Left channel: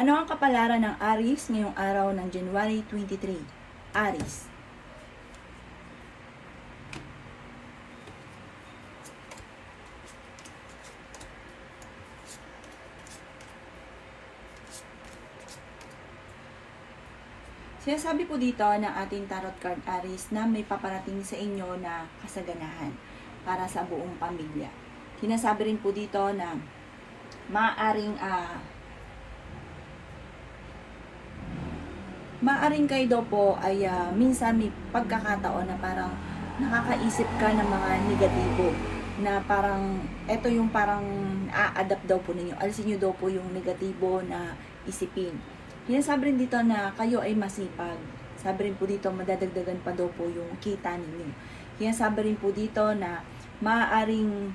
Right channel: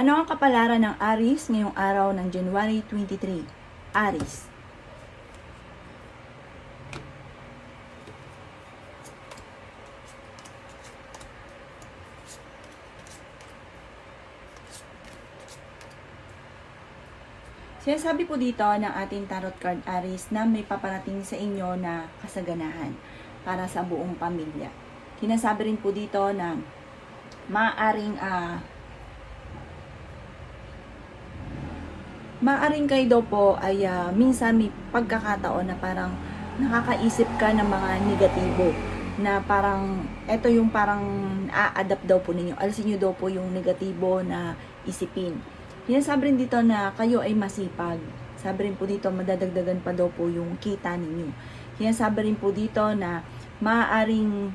Ano ang kapalaran ng Aries ngayong araw ng January 23? Aries. Sinasabi po dito ng ating tarot card Aries na may paparating sa inyo na kasaganahan para sa buong pamilya. Sinasabi rin po dito na maaring kayo daw po ay minsan may pagkakataon na parang nakakaisip ka ng mga negatibo na parang eto yung parang a-adapt daw po ninyo. Alisin nyo daw po yung negatibo na isipin. Sinasabi rin dito na kayo ay masipag. Sabi rin po dito madadagdagan pa daw po yung kita ninyo. Sinasabi rin po dito na maaaring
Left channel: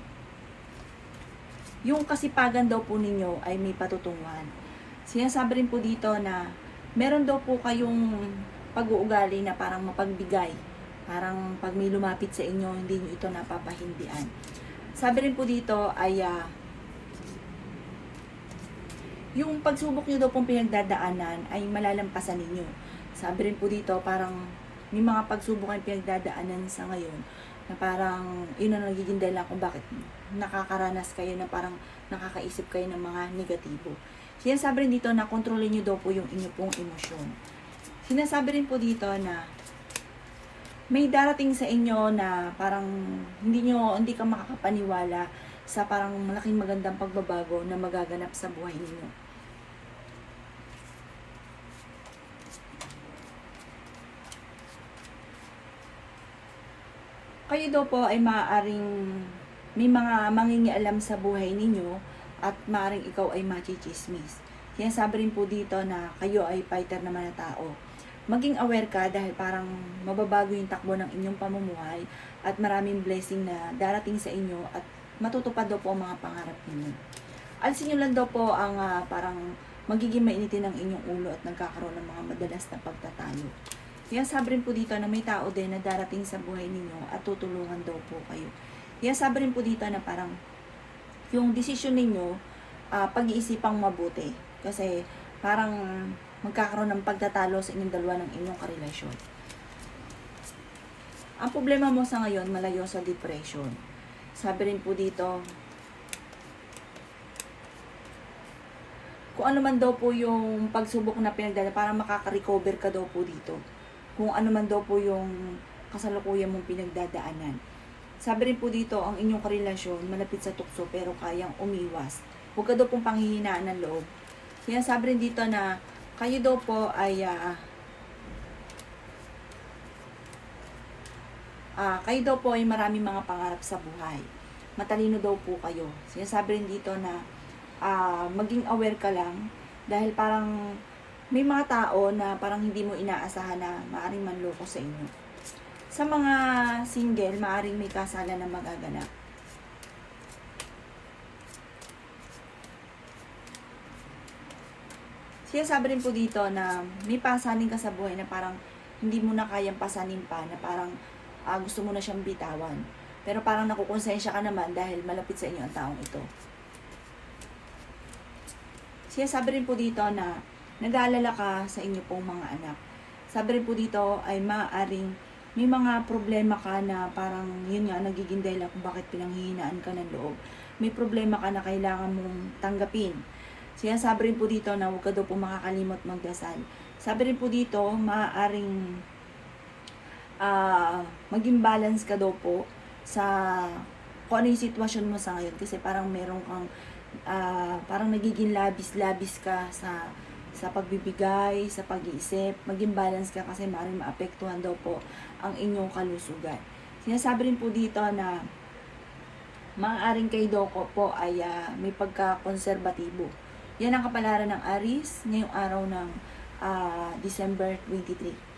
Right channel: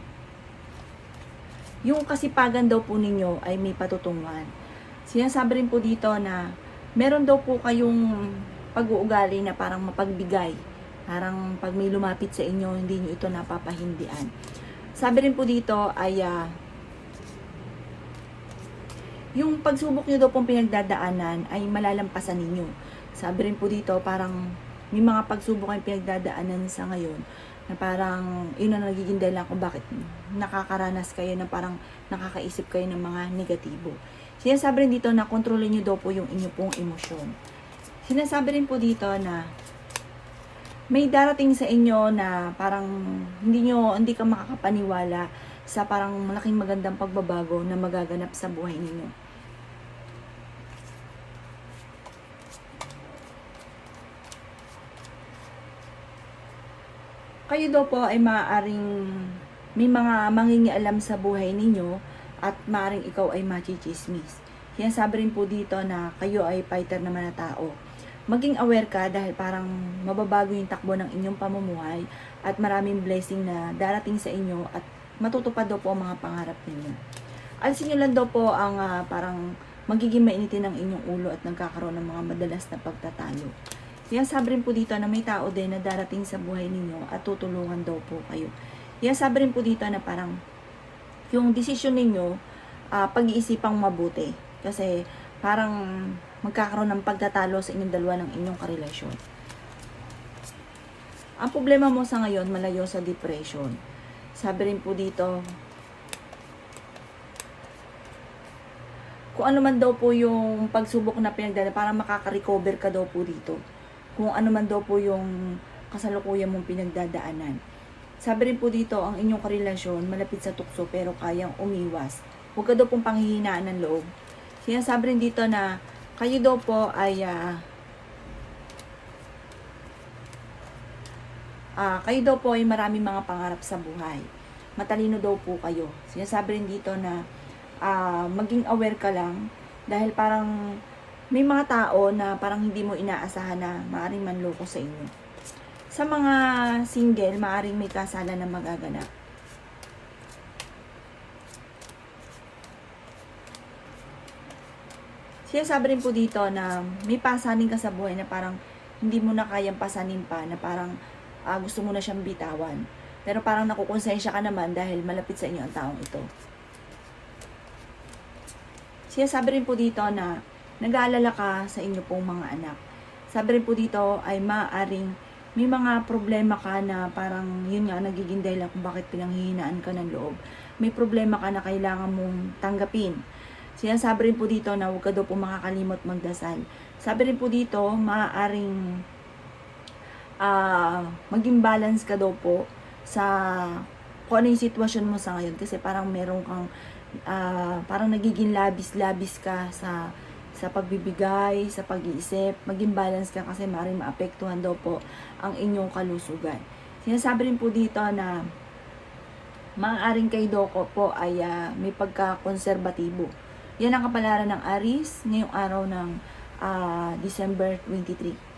yung kasipagan daw po ninyo ay may patutunguhan. Sinasabi rin po dito na meron daw po kayong pag-uugali na parang mapagbigay. Parang pag may lumapit sa inyo, hindi nyo ito napapahindian. Sabi rin po dito ay yung pagsubok nyo daw pong pinagdadaanan ay malalampasan ninyo. Sabi rin po dito parang may mga pagsubok ang pinagdadaanan sa ngayon na parang yun ang nagiging dahilan kung bakit nakakaranas kayo na parang nakakaisip kayo ng mga negatibo. Sinasabi rin dito na kontrolin nyo daw po yung inyo pong emosyon. Sinasabi rin po dito na may darating sa inyo na parang hindi ka makakapaniwala sa parang malaking magandang pagbabago na magaganap sa buhay ninyo. Kayo daw po ay maaaring may mga mangingialam sa buhay ninyo at maaaring ikaw ay machichismis. Sinasabi rin po dito na kayo ay fighter naman na tao. Maging aware ka dahil parang mababago yung takbo ng inyong pamumuhay at maraming blessing na darating sa inyo at matutupad daw po ang mga pangarap ninyo. Alisin nyo lang daw po ang parang magiging mainitin ng inyong ulo at nagkakaroon ng mga madalas na pagtatalo. Yan sabi rin po dito na may tao din na darating sa buhay ninyo at tutulungan daw po kayo. Yan sabi rin po dito na parang yung desisyon ninyo, pag-iisipang mabuti. Kasi parang magkakaroon ng pagtatalo sa inyong dalawa ng inyong karelasyon. Ang problema mo sa ngayon, malayo sa depression. Sabi rin po dito, kung ano man daw po yung pagsubok na pinagdala, parang makaka-recover ka daw po dito. Kung ano man daw po yung kasalukuyan mong pinagdadaanan. Sabi rin po dito, ang inyong karelasyon malapit sa tukso pero kayang umiwas. Huwag ka daw pong panghihinaan ng loob. Sinasabi rin dito na kayo daw po ay kayo daw po ay maraming mga pangarap sa buhay. Matalino daw po kayo. Sinasabi rin dito na maging aware ka lang dahil parang may mga tao na parang hindi mo inaasahan na maaaring manloko sa inyo. Sa mga single, maaaring may kasalan na magaganap. Sinasabi rin po dito na may pasanin ka sa buhay na parang hindi mo na kayang pasanin pa, na parang gusto mo na siyang bitawan. Pero parang nakukonsensya ka naman dahil malapit sa inyo ang taong ito. Sinasabi rin po dito na nag-aalala ka sa inyo pong mga anak. Sabi rin po dito ay maaaring may mga problema ka na parang yun nga nagiging dahilan kung bakit pinanghihinaan ka ng loob. May problema ka na kailangan mong tanggapin. Sinasabi rin po dito na huwag ka daw po makakalimot magdasal. Sabi rin po dito, maaaring maging balance ka daw po sa kung ano yung sitwasyon mo sa ngayon. Kasi parang meron kang, parang nagiging labis-labis ka sa pagbibigay, sa pag-iisip. Maging balance ka kasi maaaring maapektuhan daw po ang inyong kalusugan. Sinasabi rin po dito na maaaring kayo daw po ay may pagka-konserbatibo. Yan ang kapalaran ng Aries ngayong araw ng December 23.